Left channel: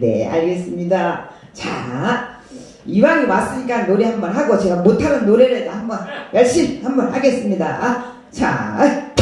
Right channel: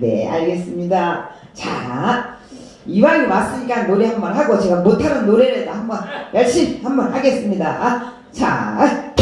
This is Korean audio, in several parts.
네, 알겠습니다. 자, 이왕이 왔으니까 노래 한번 하고 제가 못하는 노래라도 한번 열심히 한번 하겠습니다. 자,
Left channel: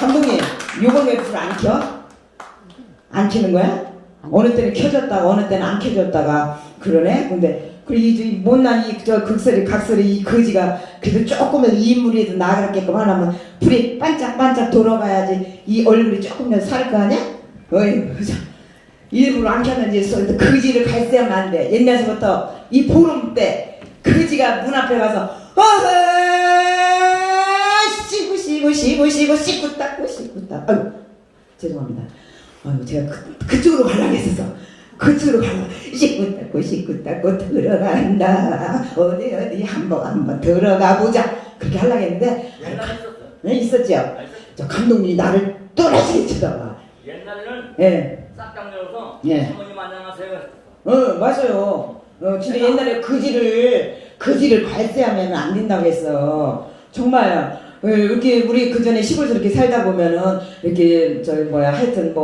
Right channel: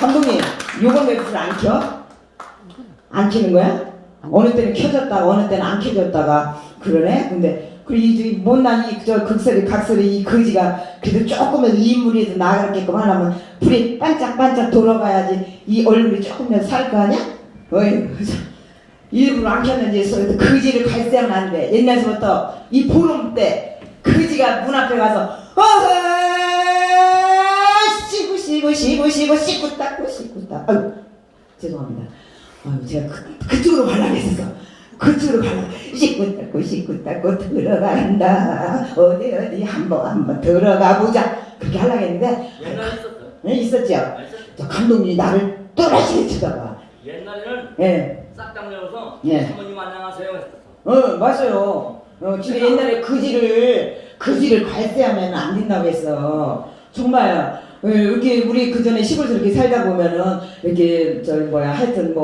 감독님, 요건 왜 불 안 켜? 안 켜는 거야? 어느 때는 켜졌다가 어느 때는 안 켜졌다가 그러네? 근데 이 못난 저 극소리 각소리 이 거지가 그래도 조금은 인물이라도 나가게끔 하려면 불이 반짝반짝 돌아가야지 이 얼굴이 조금이라도 살 거 아니야? 어이, 일부러 안 켰는지 거지를 갈세하면 안 돼. 옛날서부터 이 보름 때 거지가 문 앞에 가서 씻고 닦고 아유 죄송합니다. 아유 제가 그쪽으로 가려고 했었어. 그쪽으로 가려고 씻고 닦고 들어간다. 어디 한번 들어가 보자. 그렇게 하려고 했는데 옛날에 있었어. 네, 있었죠. 저 감독님이 나를 또다시 쳐다봐. 옛날에는 예. 싹당 열어서 예. 사모님 안녕하세요. 맞아요. 진짜 옛날에 거지를 갈세하면 안 된다고 했어. 정말 이렇게 우리 그 전에 시골에서 이렇게 살다 보면은 이렇게 하여튼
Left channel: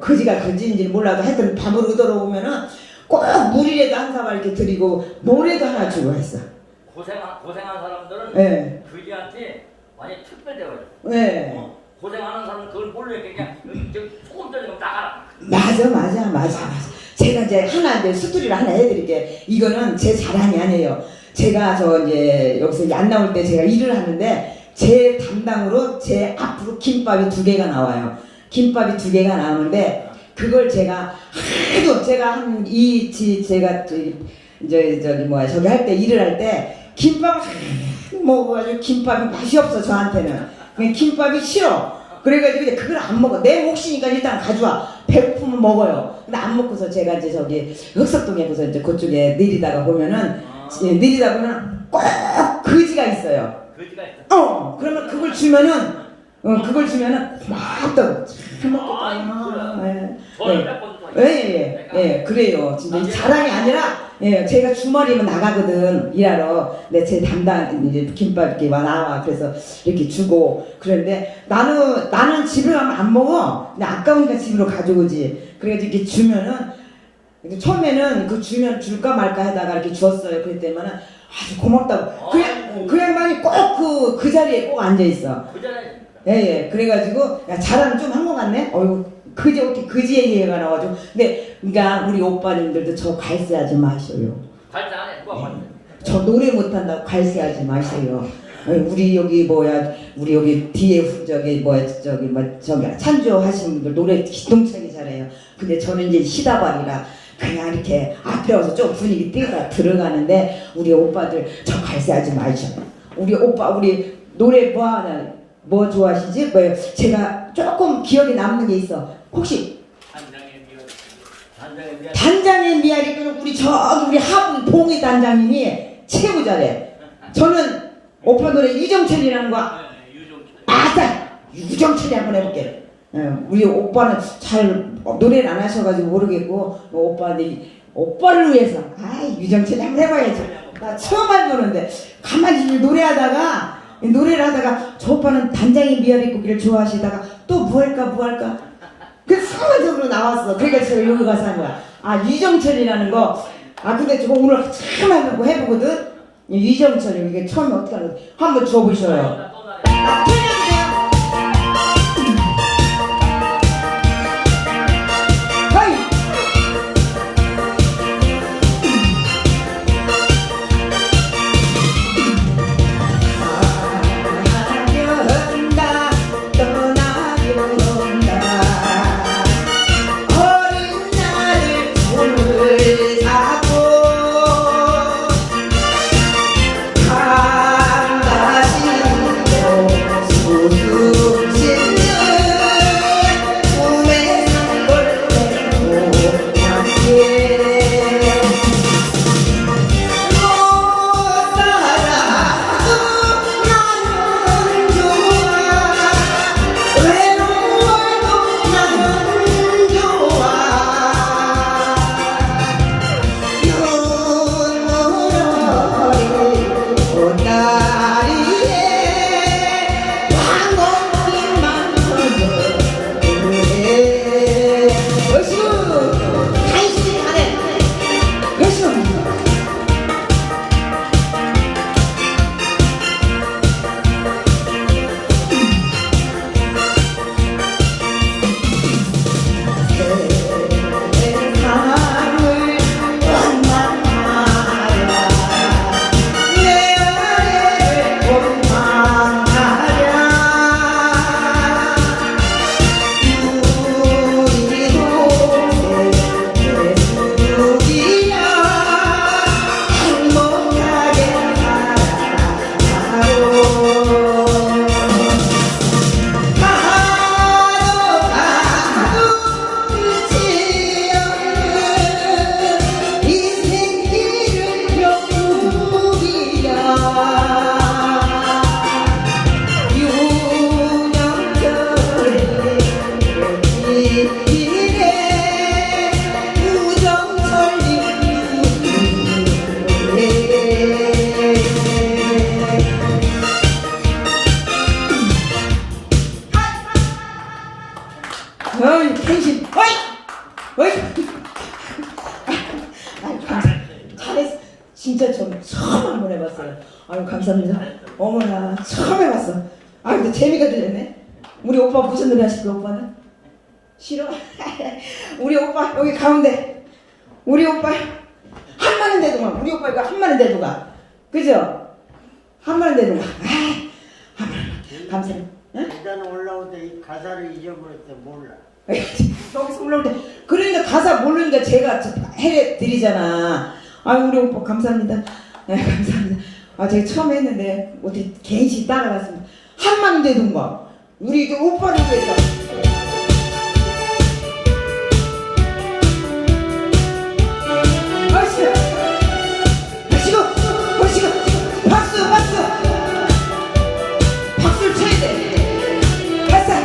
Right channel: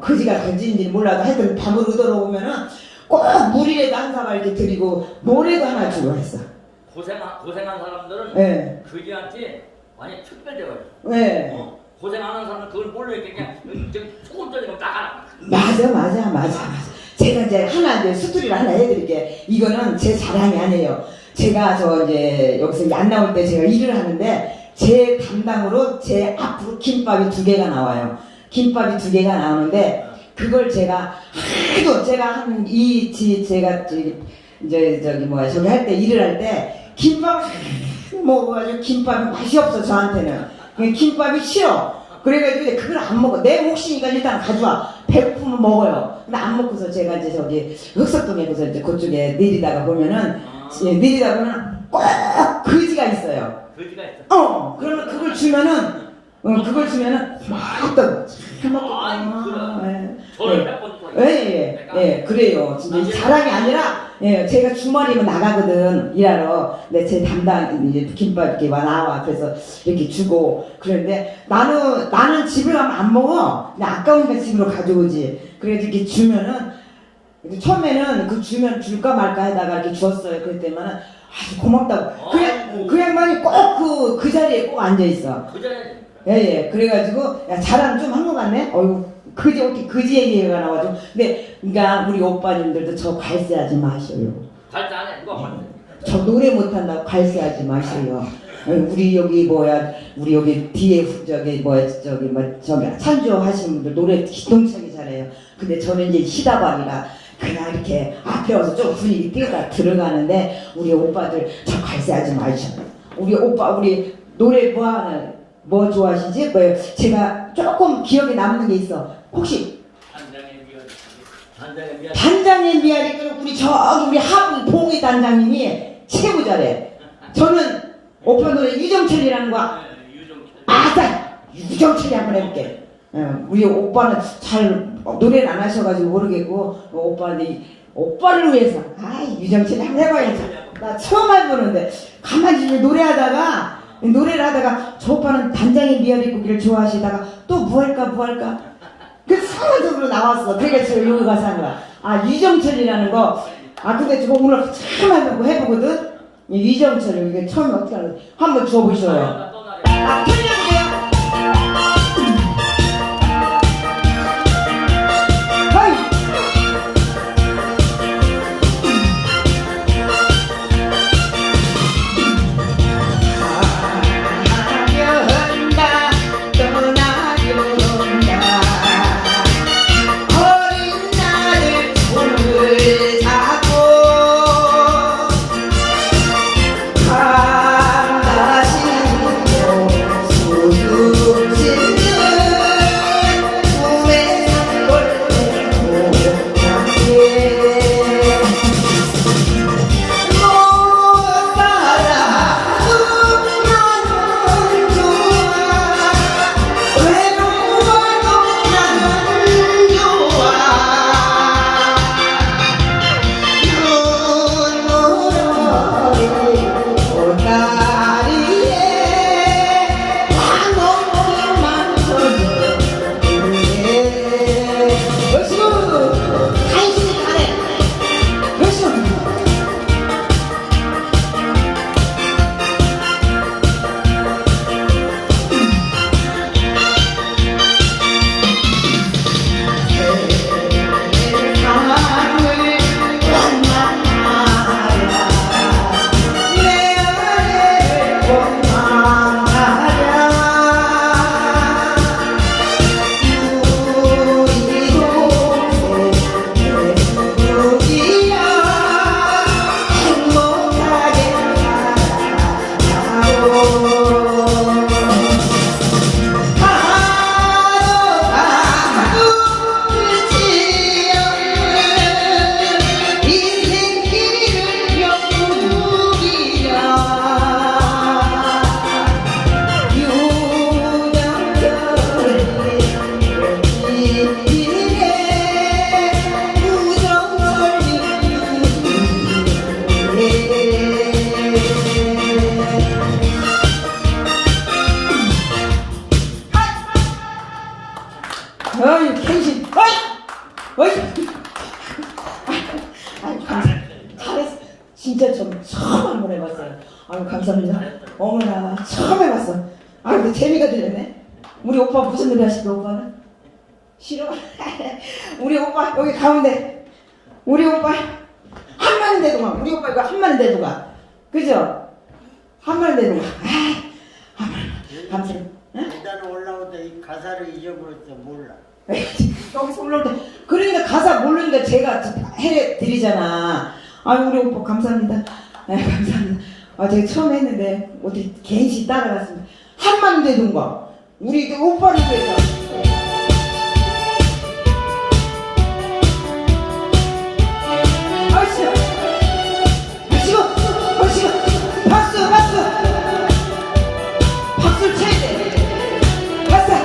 거지가 거지인지 몰라도 하여튼 밤으로 들어오면은 꼭 물이라도 한 사발 이렇게 드리고 뭐라도 하나 주고 했어. 고생한 사람들은 네. 거지한테 많이 특별해요. 네. 고생하는 사람은 그걸 몰래 그냥 조금 전에 딱 맞아. 제가 이제 하나 이제 스토리를 하나 해드릴게. 이거는 제 자랑이 아니에요. 제가 저 이제 여기서 이제 안 나올 때 제가 일을 하는데 제 담당으로 제 앞으로 김밥이 2개가 나와요. 김밥이 2개가 나오는데 그걸 제가 하도 제가 제가 저기 뭐야 저기 할 때 일을 할 때 김밥을 먹어가지고 김밥이 맛이 없어 저한테는. 그냥 김밥이 싫어. 그래가지고 이제 그걸 안 먹어. 내 몫이니까 일단 가져와. 배고프면 먹어요. 근데 안 먹고서 제가 이제 저기 흑석동에 가서 이제 그쪽에 내리다가 보면은 내리다 보면 꼭 거지가 있어요. 거지가 있어. 그러면 그걸 주면은 막또 저를 몇 번 또. 예, 그래요. 진짜 이 자랑이 아니라, 제가 주말이면 나가거든, 일하러. 근데 제 담당, 이제 김밥 이렇게 나와. 그래서 이렇게 주고. 그런데 나는 집에 가면 안 먹어. 근데 아까우니까 집으로 가져오지. 그래가지고 이렇게 주면은, 처음에는 그 주면 줄까 말까 하다가 이렇게 주었어요. 그랬더니만은, 아주 고맙다고. 그 양반이 꼭 그 자리에 꼭 앉아있어. 그 자리에. 예. 그래가지고, 야, 자랑 좀 한 것 같네? 어이구. 그지 어떻게 그지 얘기가 나와가지고 근데 그러니까 우리 오빠님들도 저 갈세하지 마셔요. 갈세 안 해. 누가 갈세? 저 노래 못한다고 갈세하지 마세요. 우리 여기 우리 여기 뒤에 저기 찬조 하시는 분들 노래 기똥차게 잘해요. 근데 저는 이제 시다발이라 그냥 이렇게 앞에 와서 좀 분위기 띄어가 들어가는데 우리 오빠들 저 갈세하지 마셔. 우리 노래 뭐 좋아하시지? 제가 조금 기억에 남는 게 있어. 혹시 단장의 미아리 우리 우리 하분 봉희 단장님이 최고 잘해. 저는 오빠 노래 유정철이라는 거 유정철이 한번 해볼게. 우리 오빠는 잘 노래를 안 하셔가지고 모르겠고 오빠를 위해서 유정철이 한번 해봐야지. 나 처음 해보는데 가만히 노래를 하다가 저 오빠는 단장의 미아리 고기를 좋아하시다가 또 뭐 할까 그래서 상관적으로 나왔어. 그러니까 제가 여기 가서 한 거야. 유정철이라는 거. 근데 저 오늘 참 해보거든. 유정철이 이게 처음에 어떻게 하는지 한번 줘보셔요. 진짜 처음 한번 해봤어요. 감사합니다. 어머나 처음 해봤어. 근데 재미가 들렸네. 우리 오빠 무슨 노래 하실까 오빠는? 싫어? 우리 오빠 여기 가운데 우리 오빠 한마는데도 가. 우리 오빠 이거 한마는데도 가. 그죠? 한마는데도 가. 감사해. 응? 계단 올라오다 이 가사를 잊어버렸어 몰라. 여기서 올라올 때 그러니까 가사 모르니까 제가 해내 드리잖아. 아유 우리 오빠 감사합니다. 네 감사합니다. 아 제가 처음 했는데 어떻게 괜시 따라갔습니다. 한만 되던가 우리 오빠를 위해서. 아시오, 아시오, 아시오, 박수, 박수, 박수를 쳐야 돼. 박수.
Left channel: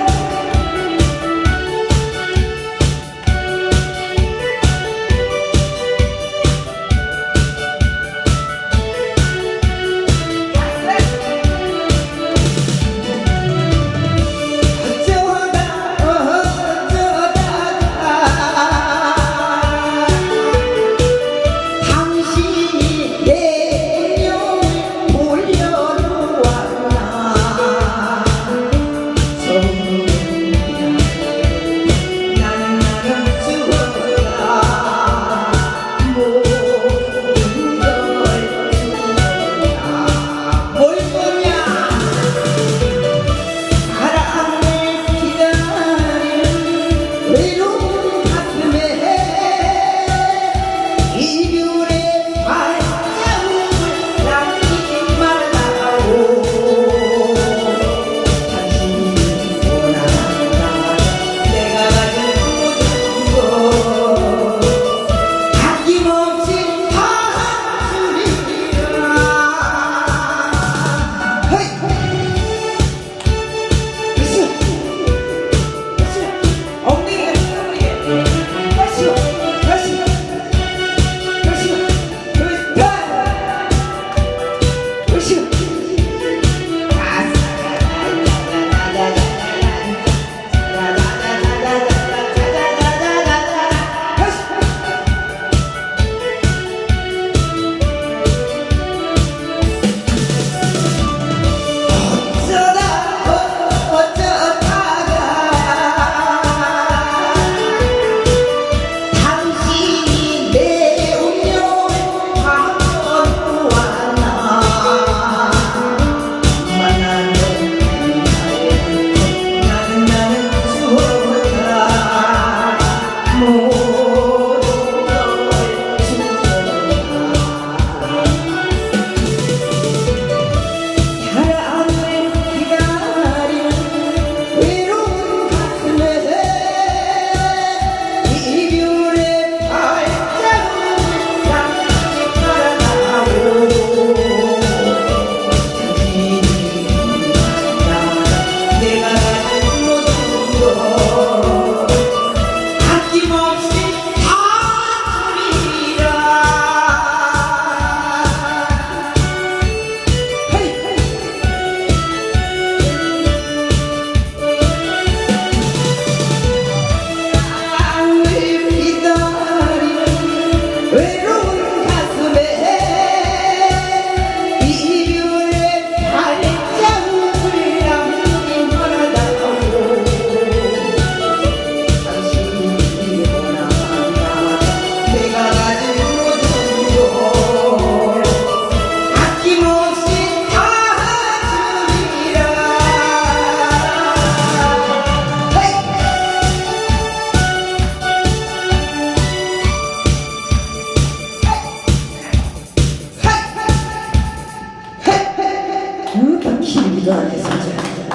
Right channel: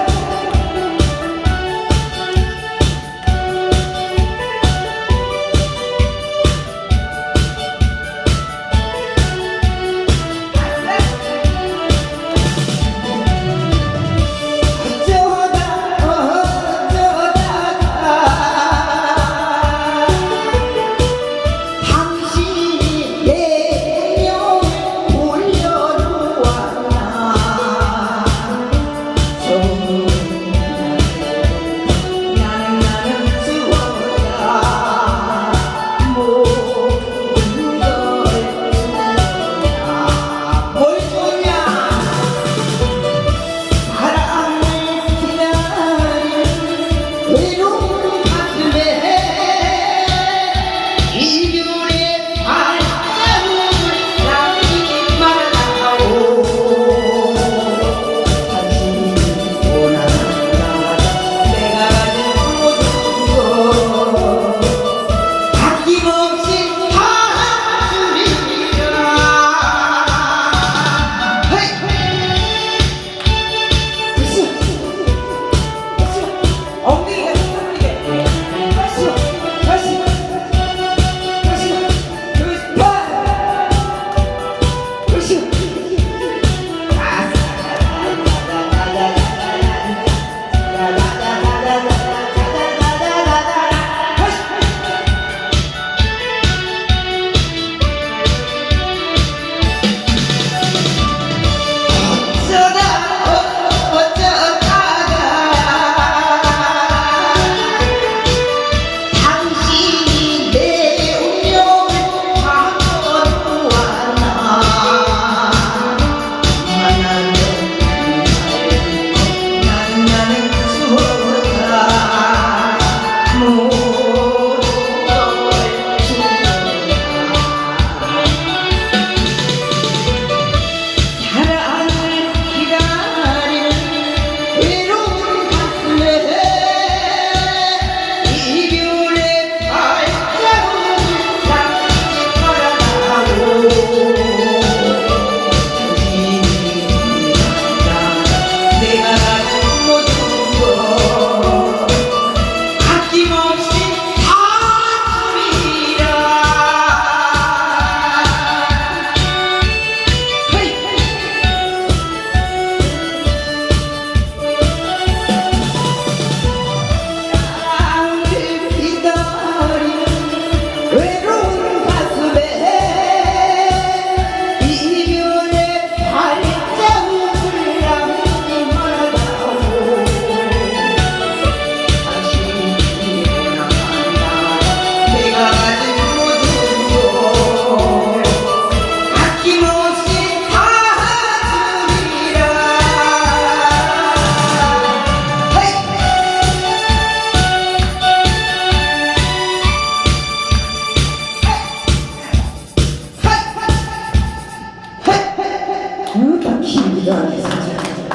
기분이도 안 해서.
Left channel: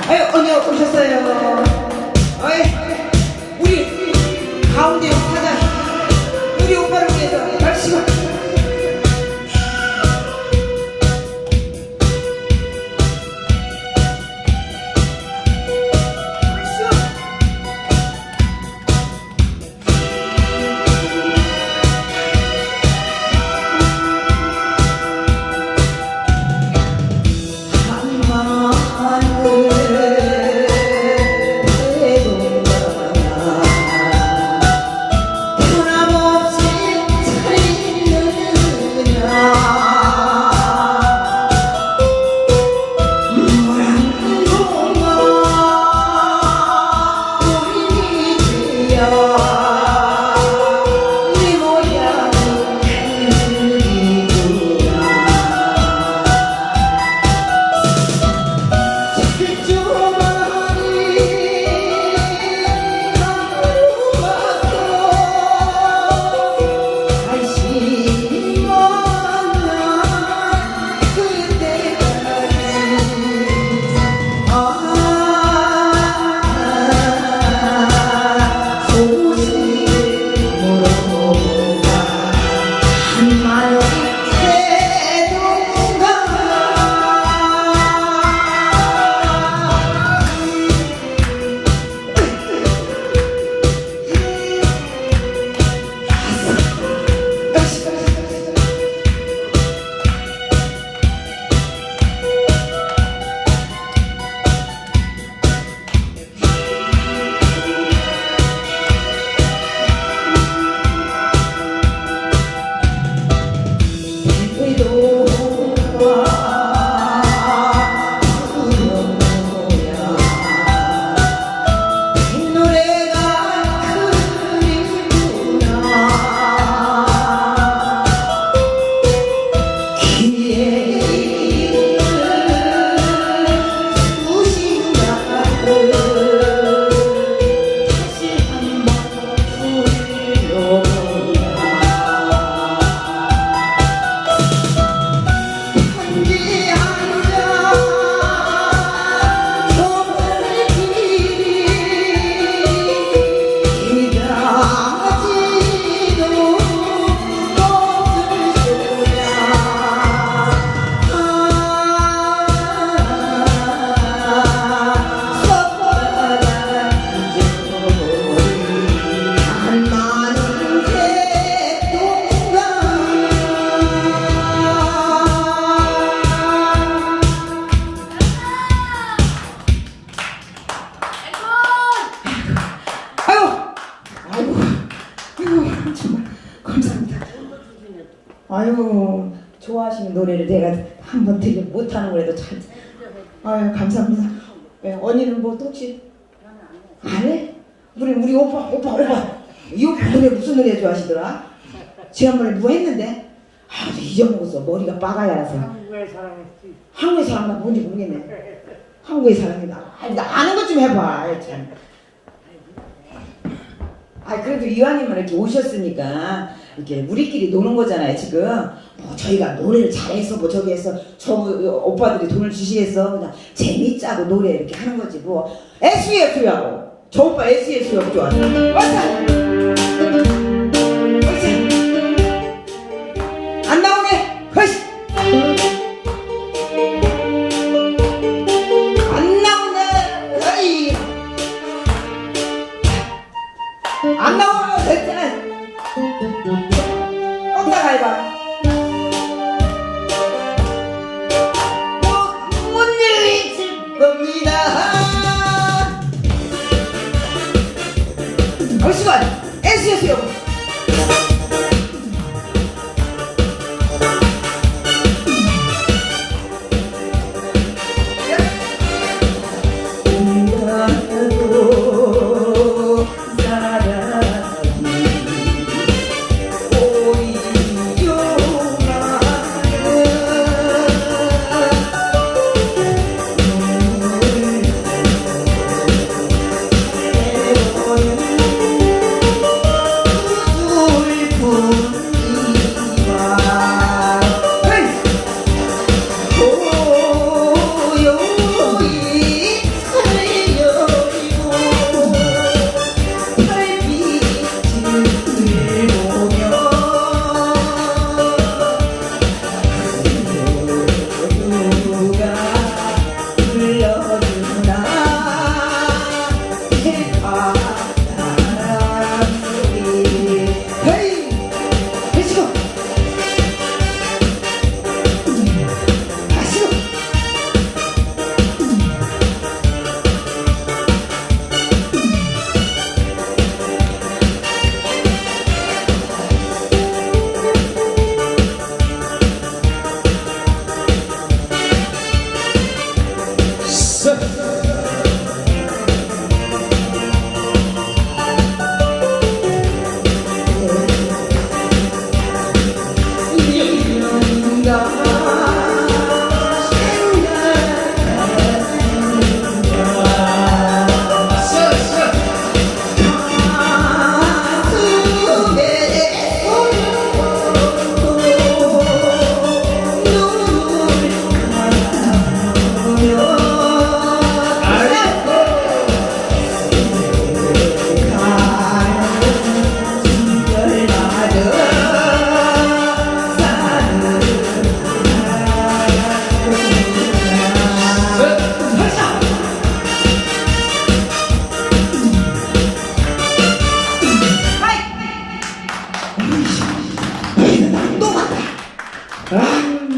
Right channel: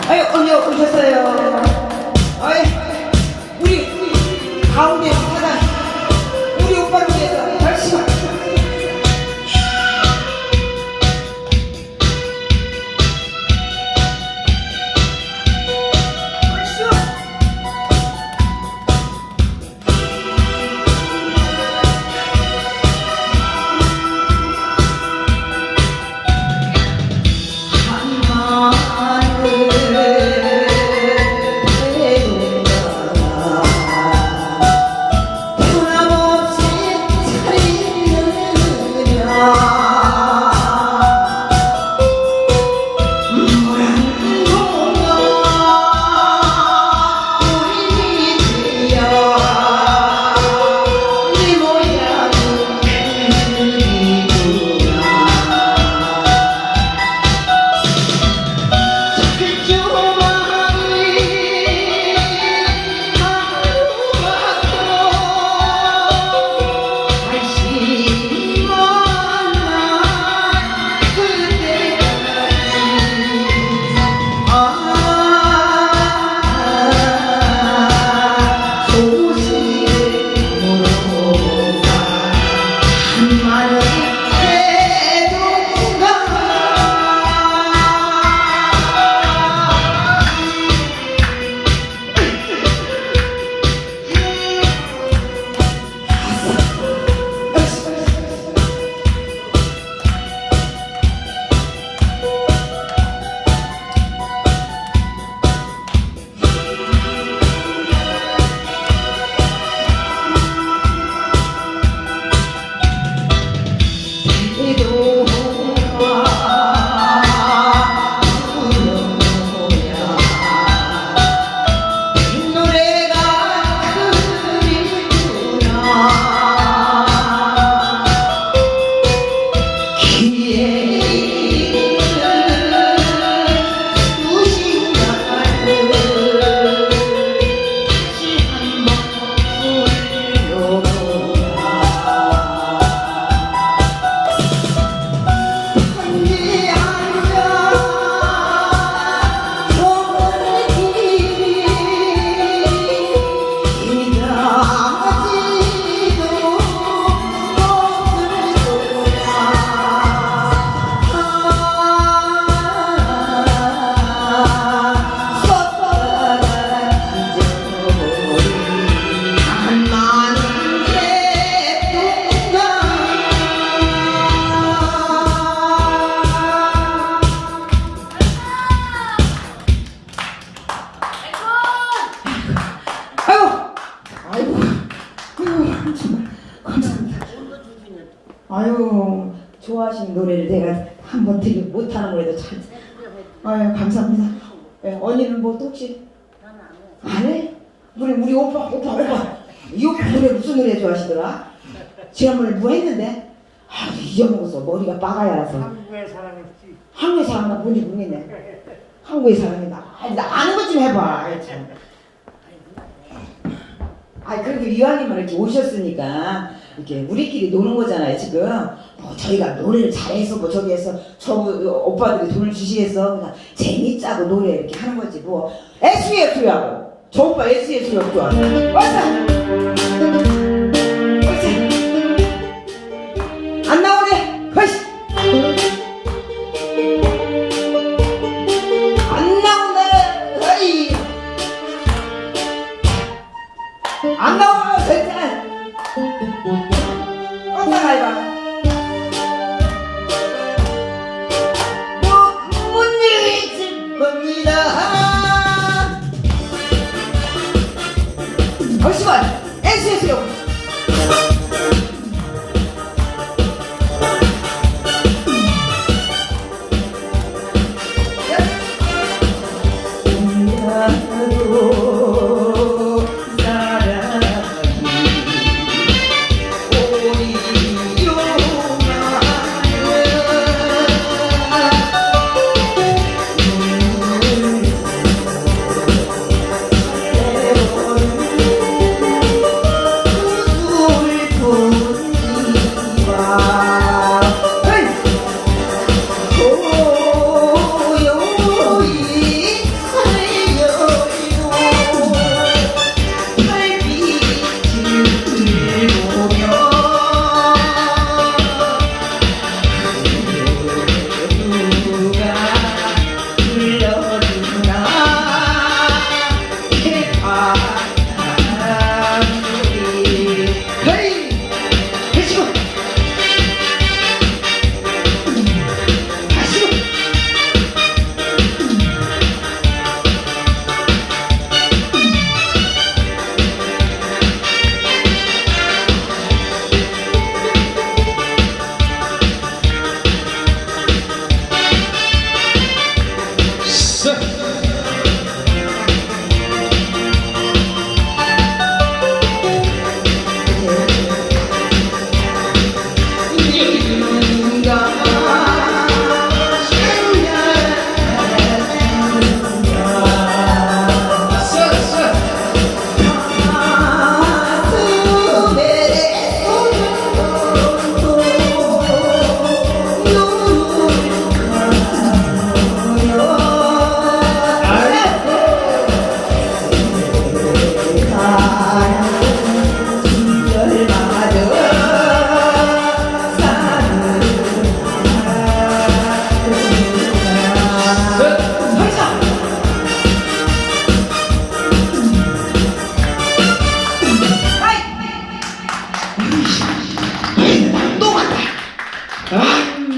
아유, 언니 오셨어요. 아이, 우리 가운데 사장, 우리 오빠를 위해서 열심히. 아유 좋아하시는 노래를 내가 한번 되게 못하는 거라도 잘. 아유 감사합니다. 예, 언니는 뭐 또 혹시 안 해? 우리 오빠 이 오빠 노래 무슨 노래 좋아하시더라? 지난번에 뭐 했는데? 아 잊어먹었어. 머리가 빠가야라서. 한국의 사랑했지. 한국의 사람 나 뭔지 모르겠네. 한국의 사람이다. 나 아는 것 좀 해봐. 아이, 참. 아 그래도 이왕이면 이렇게 오셨으니까 이렇게 우리끼리 노는 거잖아요 지금. 뭐 저희가 노래를 잘해서 뭐 저기에서 저 오빠들이 돈을 주시해서 그냥 재밌자고 노래 이렇게 하는 거지 뭐. SES라고. 저 오빠 SES라고 좋아. 맞아. 그렇지. 안 나오네. 허시. 안 나오네. 어이. 안 나오면 됐잖아. 껐다가 해봐. 못 일이 겁니다. 얼씨발 SS요.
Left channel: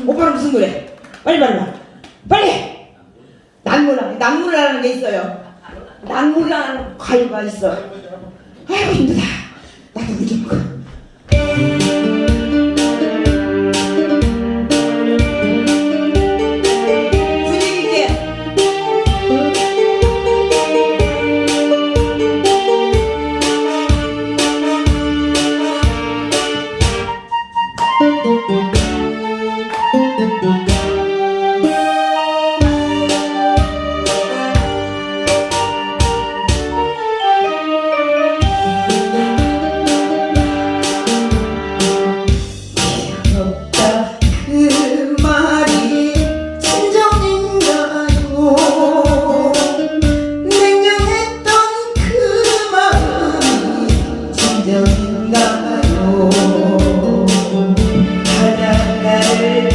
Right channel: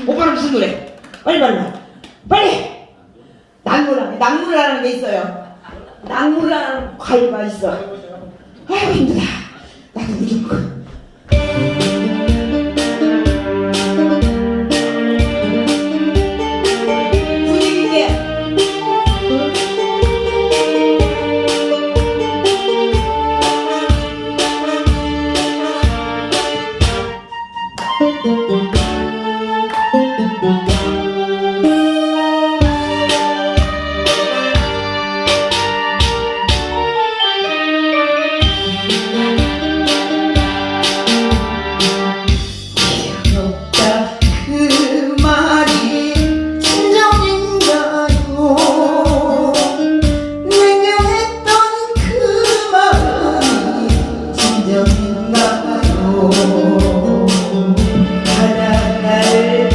오빠는 무슨 노래? 빨리! 난무라는 게 있어요. 난무라는 과일가 있어. 아이고 힘들다. 나도 물 좀 먹어. 분위기 있게. 바다를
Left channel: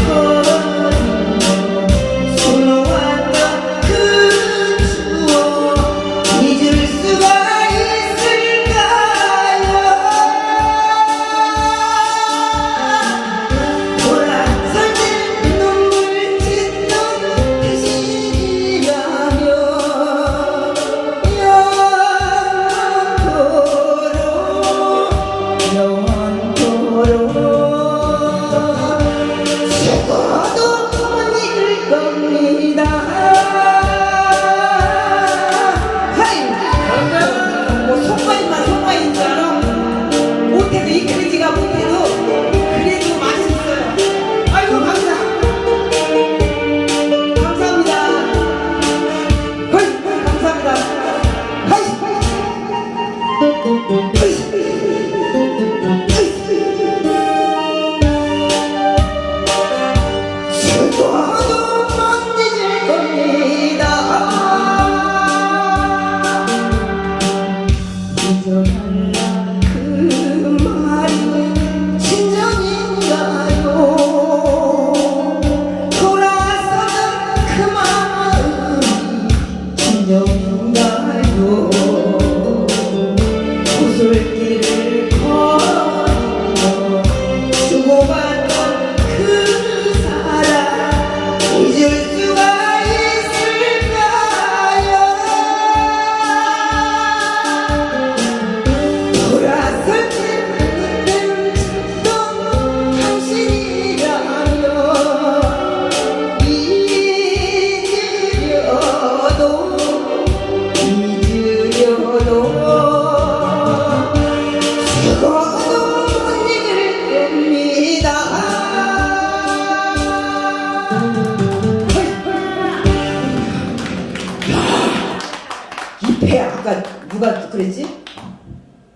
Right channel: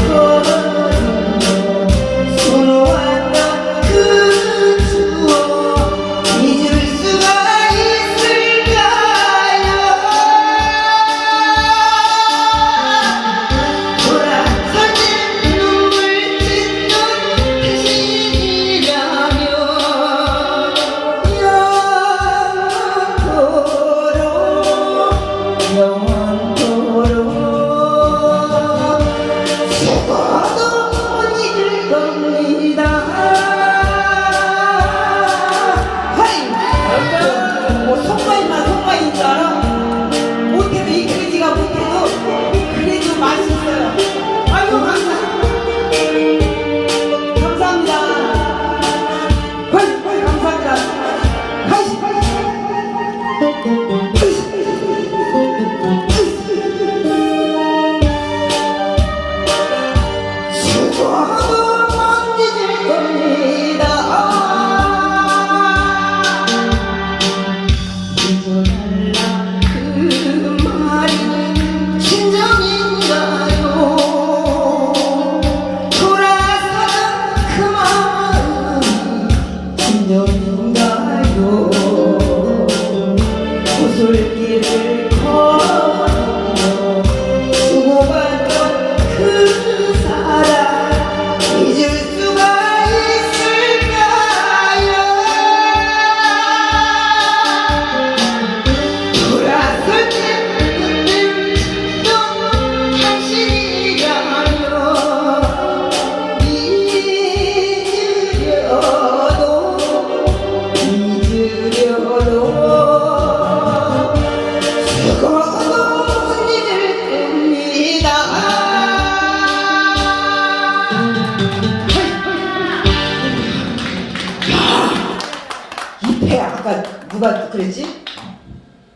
누가 그랬지?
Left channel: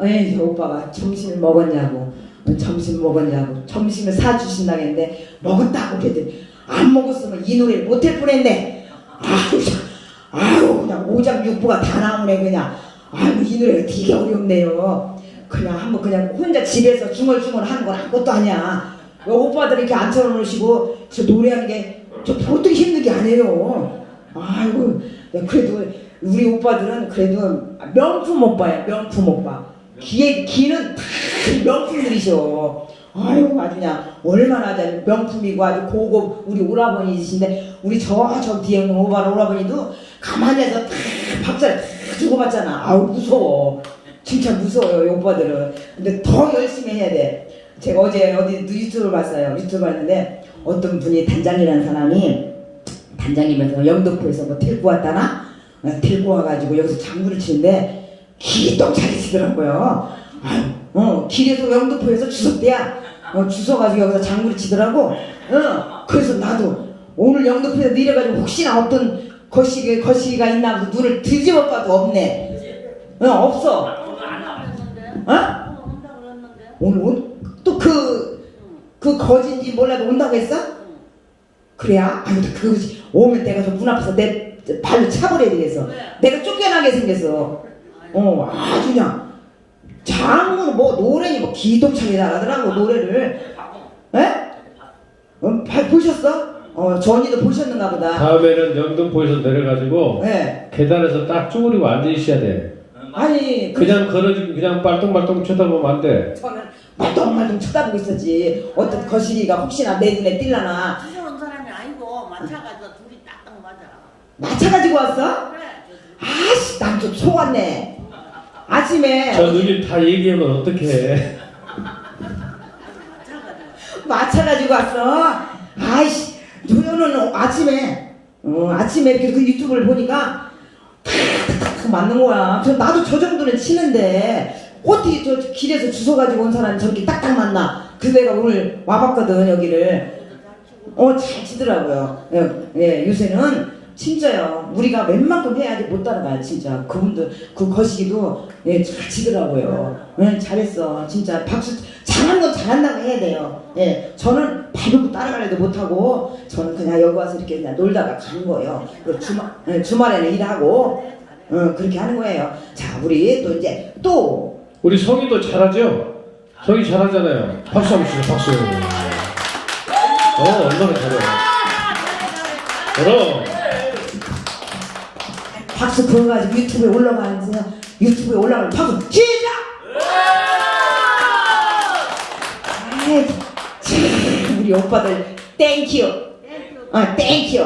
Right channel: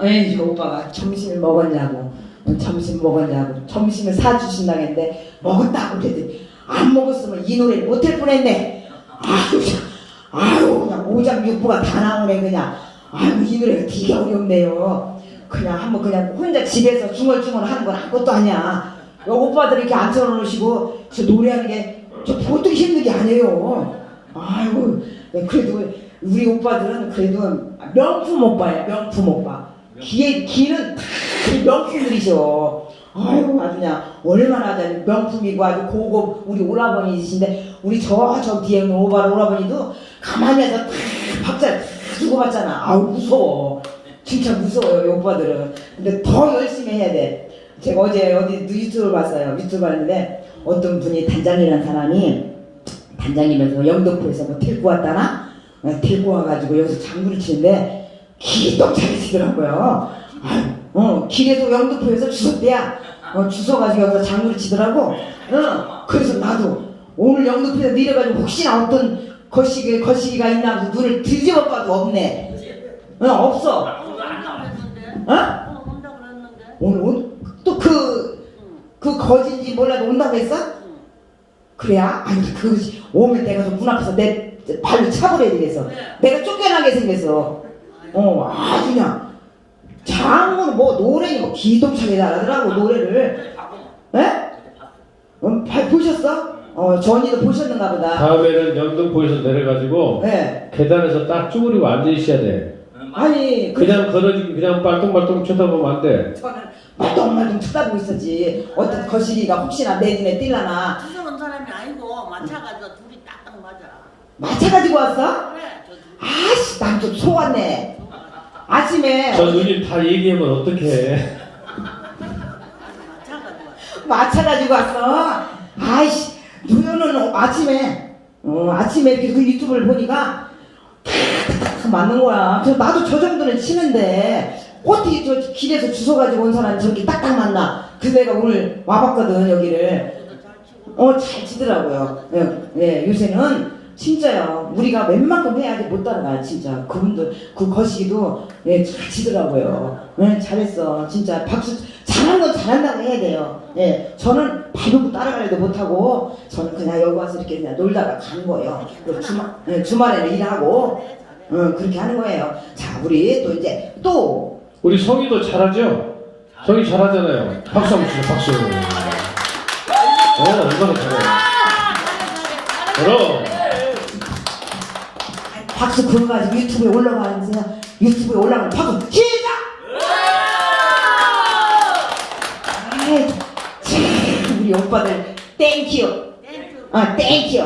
에이 오빠가 점심을 먹었냐고 점심 먹었냐고 점심을 사주신다고 했는데 먹었다고 그랬더니 안 먹었으면 이 노래를 못할 뻔했네. 아유 그냥 오장육부가 다 나오네 그냥. 아유 이 노래가 되게 어렵네요. 그냥 한번 그냥 혼자 집에서 중얼중얼 하는 건 아무것도 아니야. 오빠들이 이렇게 앉혀놓으시고 저 노래하는 게 저 보통 힘든 게 아니에요. 아이고 그래도 우리 오빠들은 그래도 명품 오빠야 명품 오빠. 귀는 다 명품들이셔. 아이고 아주 그냥 얼마나 명품이고 아주 고급 우리 오라버니이신데 우리 저 뒤에 있는 오라버니도 가만히 해서 다 밥잘 주고받잖아. 아우 무서워. 진짜 무서워요 이 오빠들은. 근데 더 열심히 해야 돼. 제가 어제 어디 유튜브를 봤어요. 유튜브 봤는데 어떤 분이 단장이라는 사람이 단장이면서 영등포에서 뭐 데리고 왔다나 데리고 와가지고 여기서 장구를 치는데 기똥 잘 치더라고요. 길에서 영등포에서 주웠대야. 주워가지고 여기서 장구를 치더라고. 그래서 나도 오늘 영등포에서 내려가지고 혹시나 어떤 거시기가 있나 해서 눈을 뒤집어 봐도 없네. 없어. 오늘 또 그 거진지 몰라도 온다고 했어? 그래야? 아니 그것이 오면 내가 저 문 앞에서 내 발로 차버려야 되겠어. 내가 쫓겨나게 생겼어. 아주 그냥 장은 뭐 노래니 뭐 기동차게 잘하더라고 노래를. 에? 보셨어? 저 언니도 보셨는가 보다. 다음에는 영등포에서 내려가지고 네. 계단에서 딱 쭈그리고 앉으셔야 돼. 아니 그냥 걸어지고 그냥 빨뚱빨뚱 쳐다보면 안 돼. 저는 말똥말똥 쳐다보고 있었지. 어떤 거시기가 혹시나 내 눈에 띌라나. 주워온 사람이 아니고 마차가지고 둘이 딱딱 맞아. 마차 가지고 왔어? 그래. 아씨 난 좀 속았네. 아침에 저 누님 다 얘기하면 어떡해. 마차 가지고 왔어. 아이씨 너는 아침에 이렇게 그 유튜브를 보니까 탁탁탁 맞는 거야. 그래서 나도 저 정도는 치는데 어떻게 저 길에서 주워가지고 온 사람이 저렇게 딱딱 맞나. 그래서 내가 오늘 와봤거든 여기를. 잘 치더라고요. 예, 요새는 진짜요. 우리가 웬만큼 해야지 못 따라가요 진짜. 그분들 그 거시기도 잘 치더라고요. 잘했어 진짜. 박수. 잘한 건 잘한다고 해야 돼요. 저는 밟고 따라가려도 못하고 저는 그냥 여기 와서 이렇게 그냥 놀다가 가는 거예요. 주말에는 일하고 그렇게 하는 거예요. 자 우리 또 이제 우리 성희도 잘하죠? 성희 잘하잖아요. 박수 한번 주세요. 박수. 얼마나 잘해. 그럼. 박수 그거 가지고 유튜브에 올라가는 박수 시작! 아이, 참, 우리 오빠들 땡큐. 땡큐.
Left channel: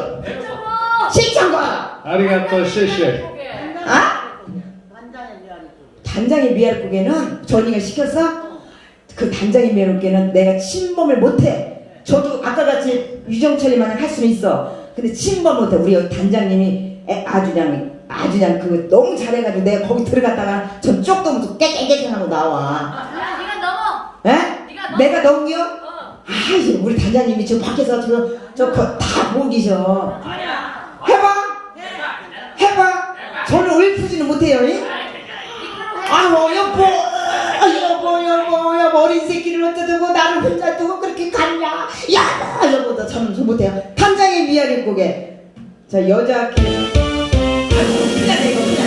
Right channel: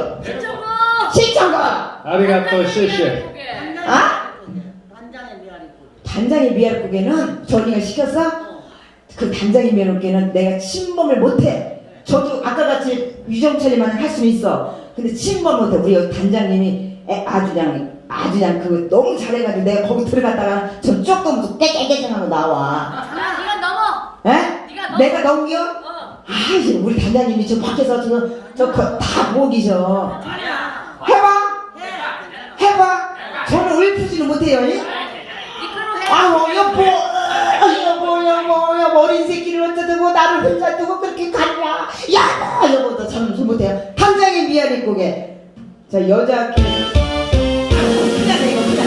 신청곡. 아리가또 시시. 단장의 미역국에는 전이가 시켰어? 그 단장의 미역국에는 내가 침범을 못해. 저도 아까 같이 유정철이만 할 수는 있어. 근데 침범 못해. 우리 단장님이 아주 그냥 그거 너무 잘해가지고 내가 거기 들어갔다가 저 쪽도 무슨 깨깨깨하고 나와. 네가 넘어. 에? 내가 넘겨? 아이 우리 단장님이 저 밖에서 다 보고 계셔. 해봐. 저는 울프지는 못해요. 여보 어린 새끼를 어쩌고 나를 혼자 두고 그렇게 갔냐. 여보도 참 못해요. 단장의 미아리국에 자 여자 그냥 이거 그냥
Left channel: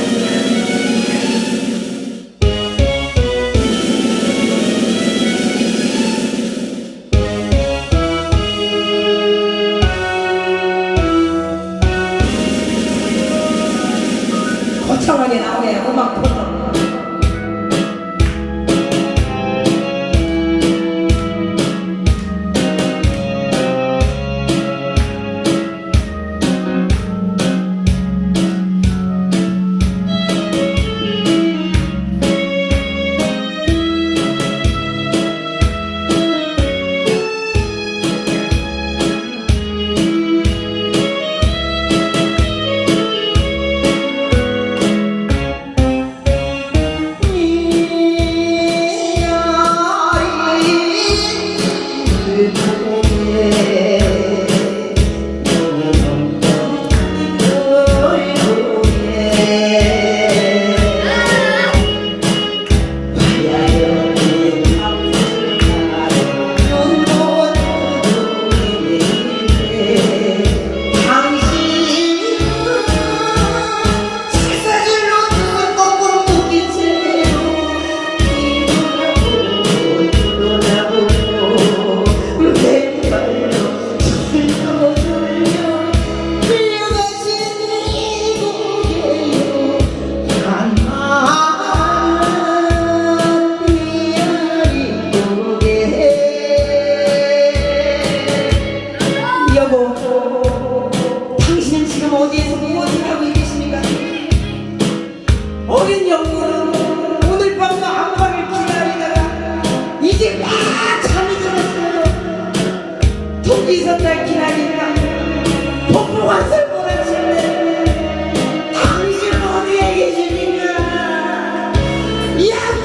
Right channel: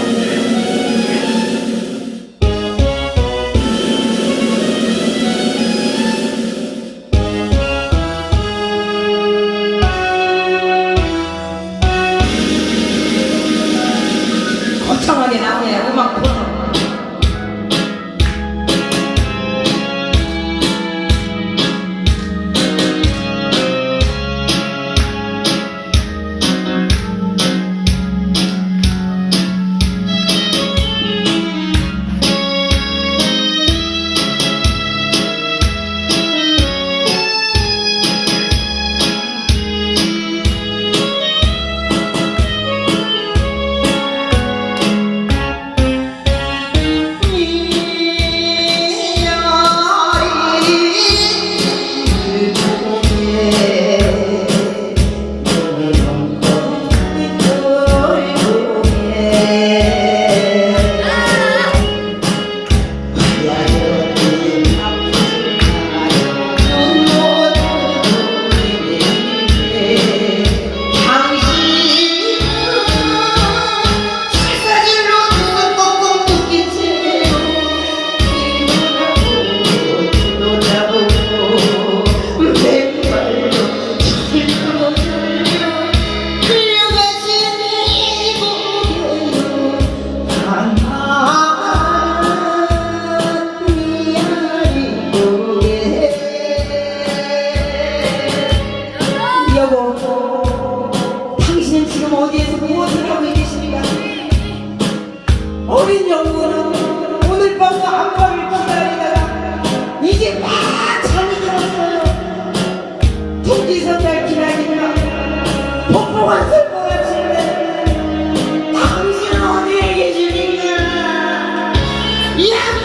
거창하게 나오네 음악 터서. 어디에서 무엇을 하고 계십니까? 어린 영혼은 오늘 밤과 아빠를 기다리다가 이제 막 잠이 들었어요. 독이서 날 기다리니까 폭풍한 슬픔을 질래. 당신은 어디에 계십니까? 여보!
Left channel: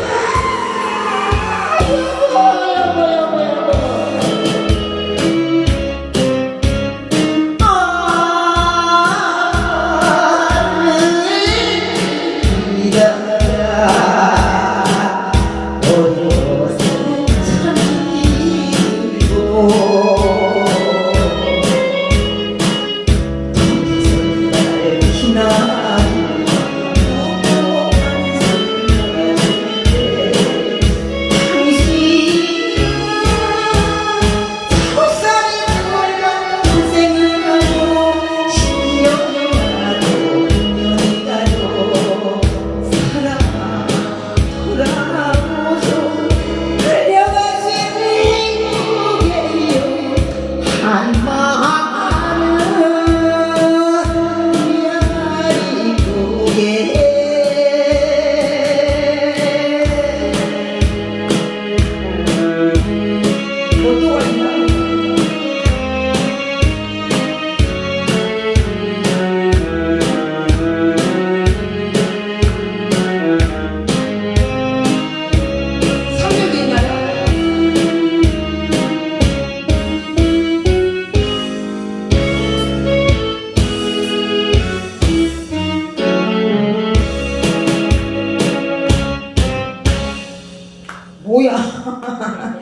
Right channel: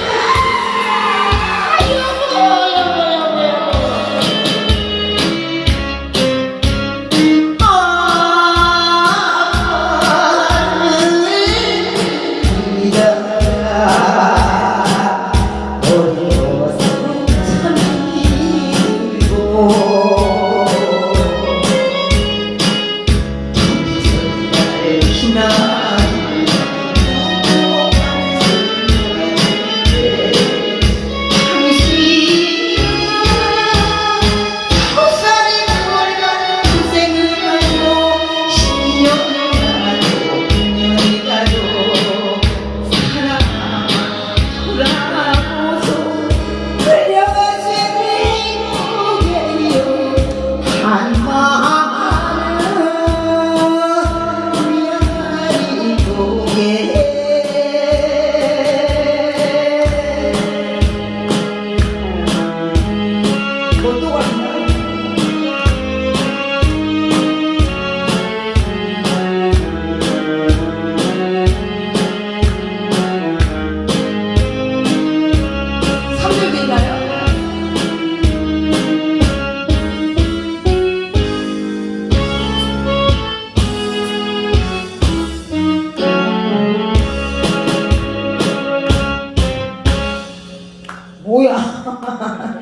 뭐야? 나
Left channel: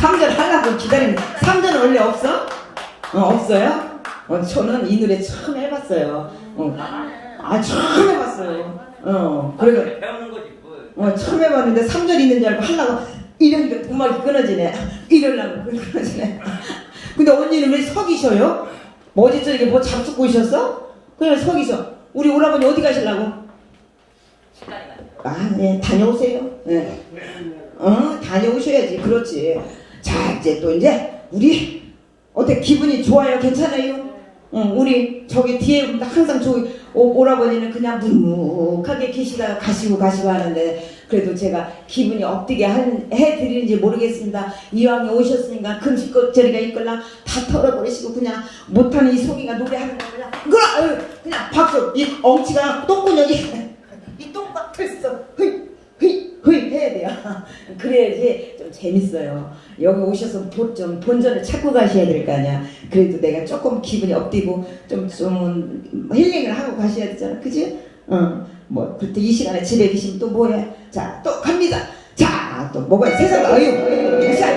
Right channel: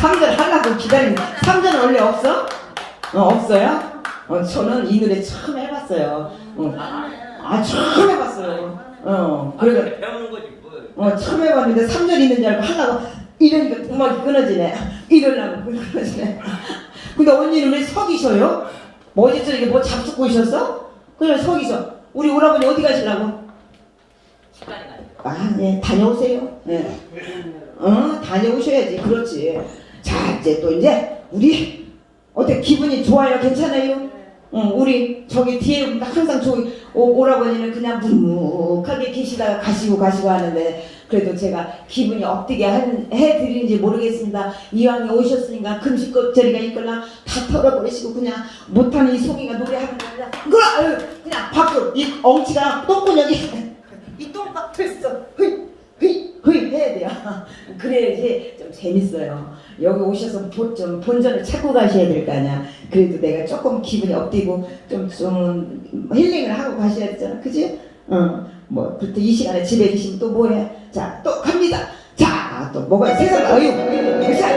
3절 하려고 기다리는. 3절은 원래 없어? 없어요? 저는 이 노래 처음 해봤어요. 처음 해봤어요. 그래서 배우는 거지 뭐. 처음 해봤는데 3절 있는 줄 알고 하려고 이러니까 음악이 끊어지네. 이러려고 끊어지네. 근데 언니는 왜 서 계셔요? 어제 저녁에 뭐 잡수고 오셨어? 그냥 서 계셔. 우리 오라버니 어디 가시려고? 네, 다녀오세요. 네. 다녀오셔야지. 그렇지. 자, 이제 또 이제 우리 어때 기분이 좋아요? 괜찮아요? 우리 저기 뒤에 항상 저기 오라버니는 그냥 묵묵하게 계시다가 가시고 하는데 그래도 제가 기분이 업되게 해드리는지 모르겠습니다. 이왕에 오셨으니까 금식거리가 있걸랑 다 털어버리시고 그냥 못하는 이 속이가 노래하는 거라 그냥 박수 이 엉치가 똥구녕이 이 똥박혔어. 흐이 해야 돼요. 그래야지 좀 재밌어요. 여기 오셔서 좀 본전을 찾고 가셔야 될 거 아니야. 그래도 내가 조금 기분이 업되고 좀 힐링을 하고 가셔야 되잖아. 그지? 뭐 그때 이 시간에 집에 계시면 또 뭐해? 자, 또 갑니다. 자, 또 뭐가 세상 어유. 자.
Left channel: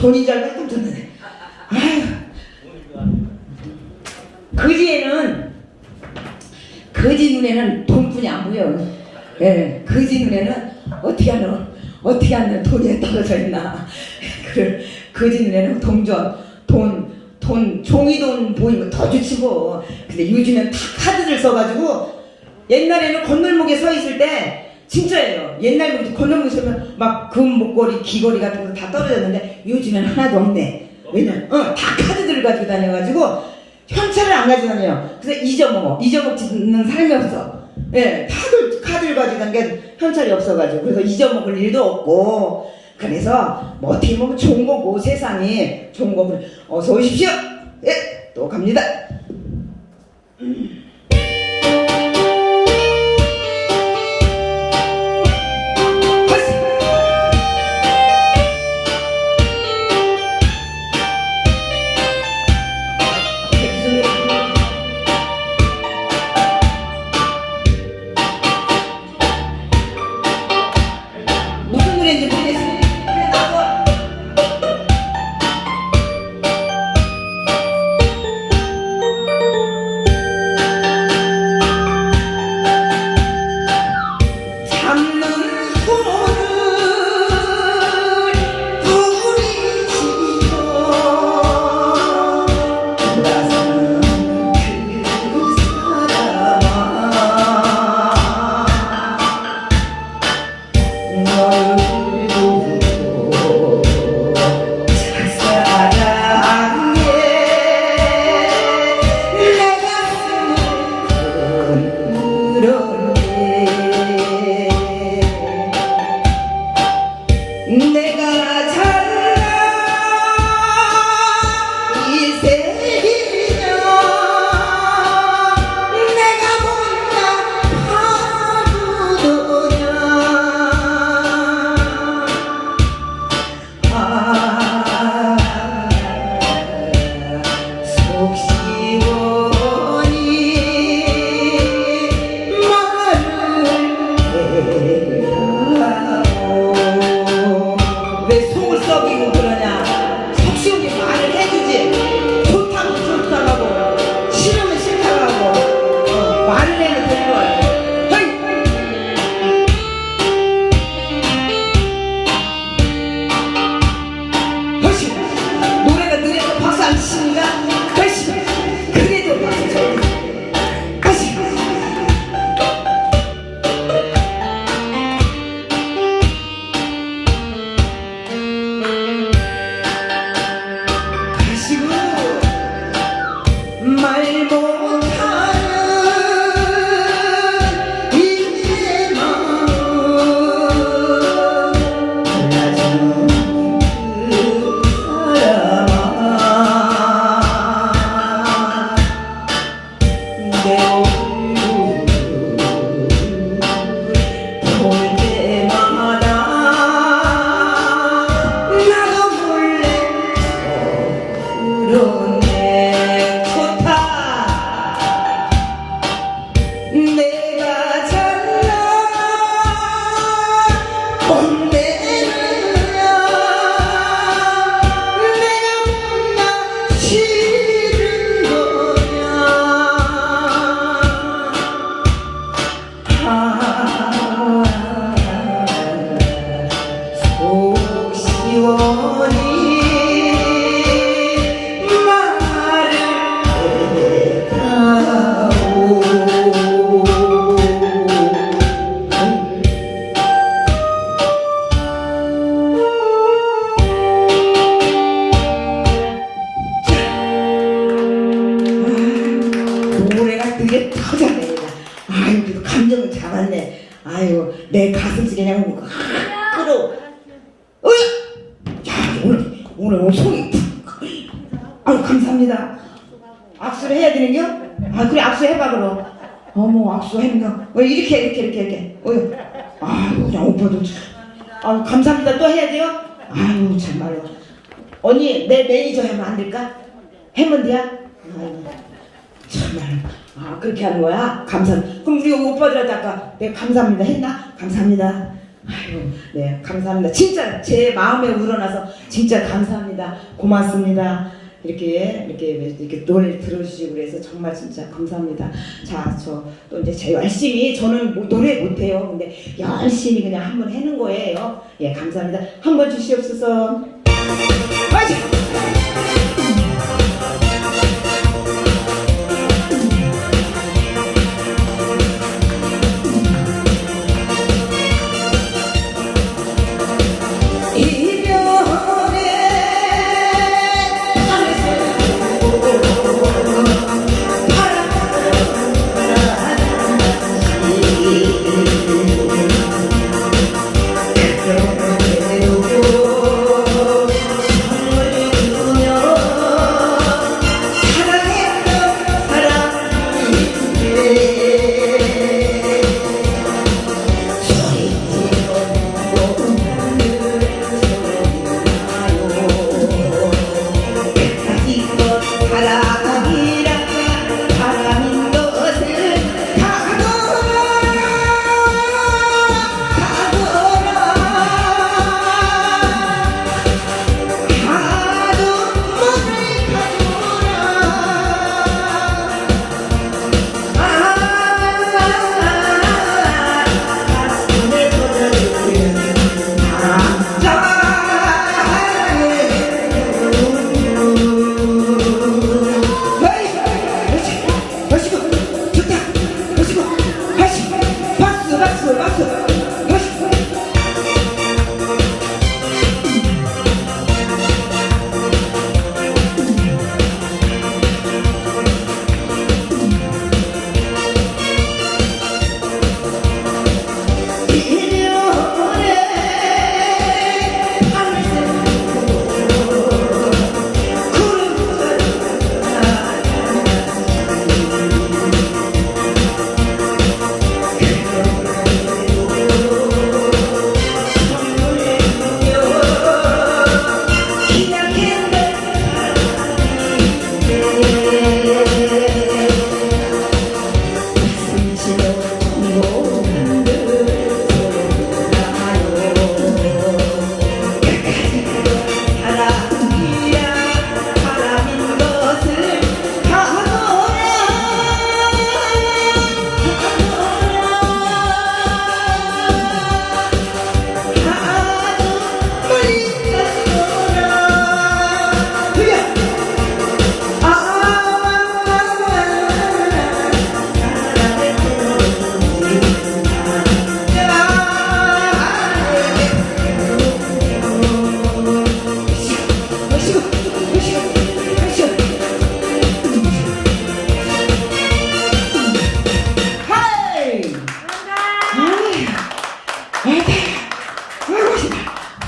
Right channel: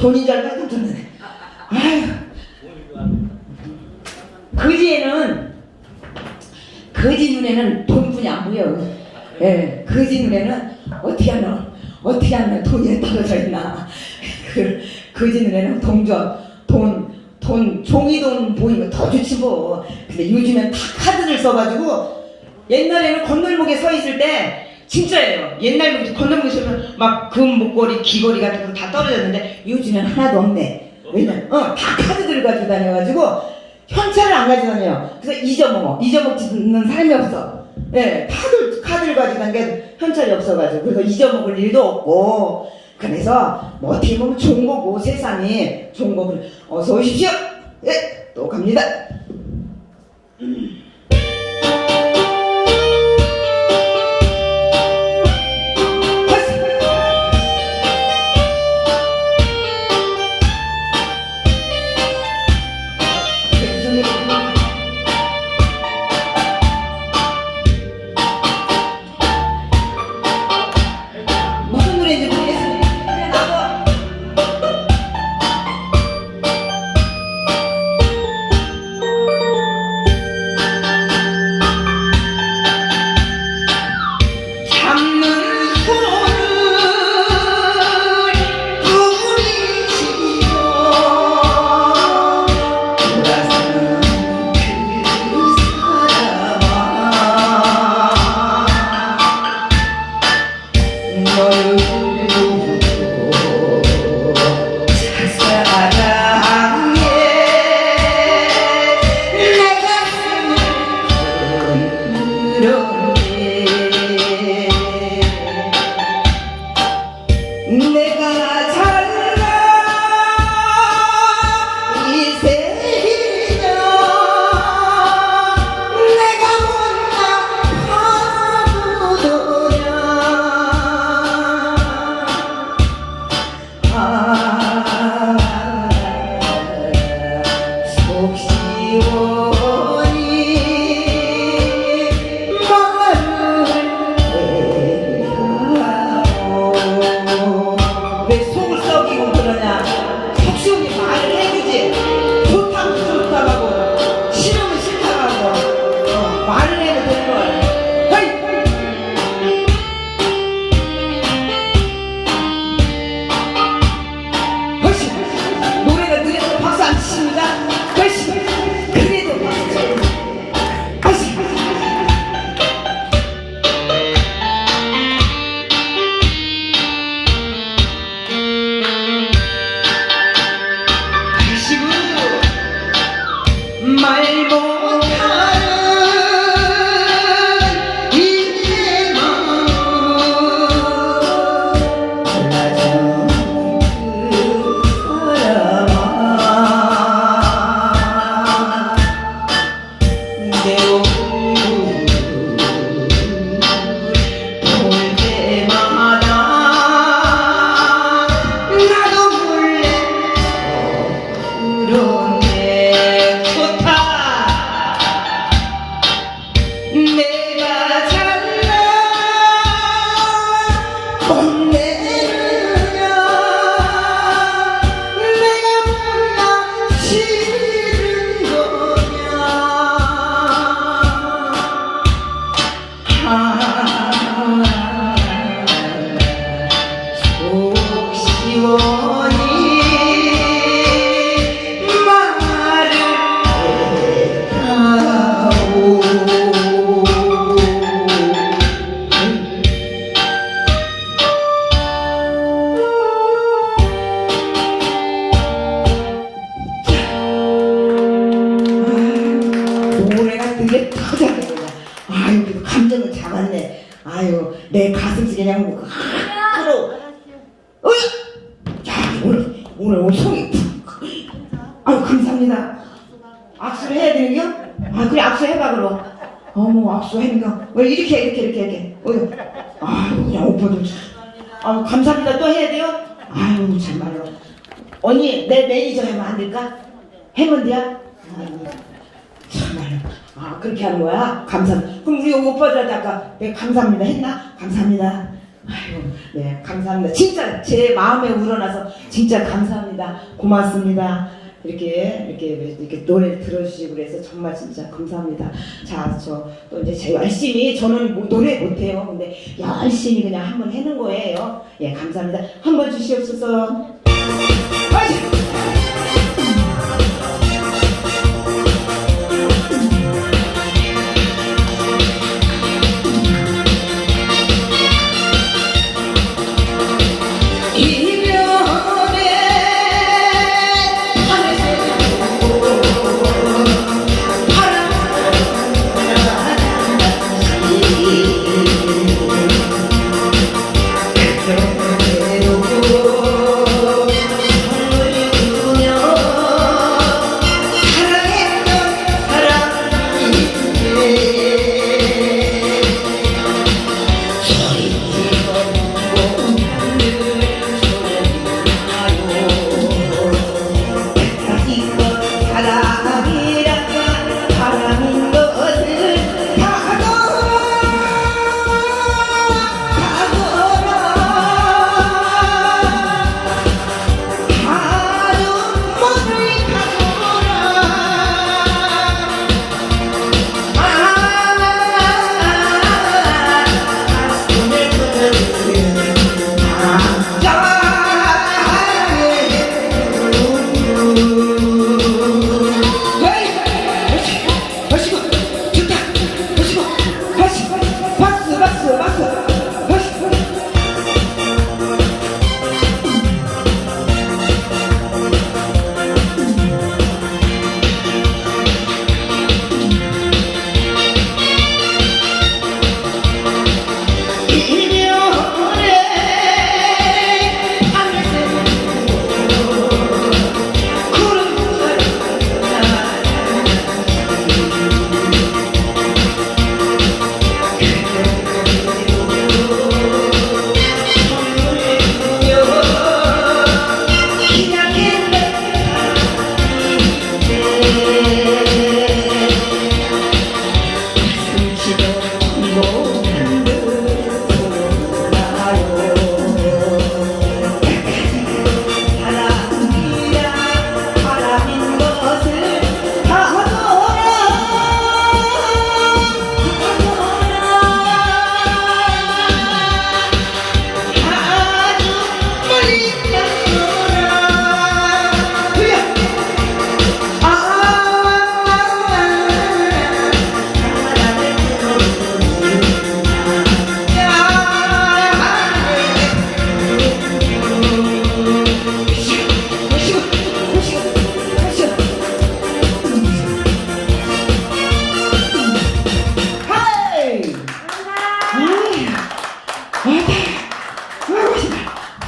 돈인 줄 알고 깜짝 놀랐네. 아휴. 거지 눈에는 돈뿐이 안 보여. 예, 거지 눈에는 어떻게 하면 돈이 떨어져 있나. 거지 눈에는 돈, 종이돈 보이면 더 좋지 뭐. 근데 요즘엔 다 카드를 써가지고 옛날에는 건널목에 서 있을 때 진짜예요. 옛날에 건널목에 서면 막 금 목걸이, 귀걸이 같은 거 다 떨어졌는데 요즘엔 하나도 없네. 왜냐면 다 카드들을 가지고 다녀가지고 현찰을 안 가지고 다녀요. 그래서 잊어먹지는 사람이 없어. 예, 다들 카드를 가지고 다니는 게 현찰이 없어가지고 그래서 잊어먹을 일도 없고 그래서 뭐 어떻게 보면 좋은 거고 세상이 좋은 거고 어서 오십시오. 예, 또 갑니다. 무슨 노래인지 모르겠어요. 그냥 나와. 잡는 손을 부리치고 돌아서는 그 사람아 너를 두고 착사랑에 내 가슴을 흔들었네. 내가 잘나 이 세계냐 내가 못나 파도냐 속 시원히 왜 속을 썩이고 그러냐. 속 시원히 말을 해주지. 좋다면 좋다고 하고 싫으면 싫다고 하고 말을 해도 되는 거 같아. 허시 노래가 느려도 박수 안 치십니까? 허시 그래도 박수 쳐. 허시 하시고 말 못하는 이내 마음 몰라주는 그 사람아 내 얼굴 볼 때마다 나도 몰래 그러네. 좋다. 내가 잘나 혼내느냐 내가 못나 싫은 거냐. 속 시원히 말을 해다오. 노래가 되게 터져네. 아유, 그래도 감정은 잘았네. 아유, 내 가슴속에 그냥 끌어. 야, 오늘 속이 푹. 아유, 감사합니다. 악수를 해야 되는겨? 아, 그래, 악수해봐, 그럼. 어머, 악수해는겨. 왜 이렇게. 어휴. 아유, 그냥 오빠도 참. 아유, 감사합니다. 또 해야 돼요? 아유, 정말로. 언니, 내 매니저 하면 안 될까? 하면 돼요? 아유, 정말로. 아, 그렇게 하는 거야? 그럼 우리 오빠들한테 아까 내가 감사합니다 했나? 감사합니다. 아이고, 네, 감사합니다. 진짜 제 마음에 우러나서 진짜 감사합니다. 고맙습니다. 이렇게 노래 들어주시고 그래서 정말 진짜 감사합니다. 자, 저 또 이제 제가 열심히 저는 노래 못해요. 근데 열심히 그냥 한번 해는 거예요. 예, 감사합니다. 한번 주시옵소서. 화이팅!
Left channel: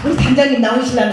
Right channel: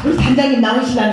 우리 단장님 나오시려나?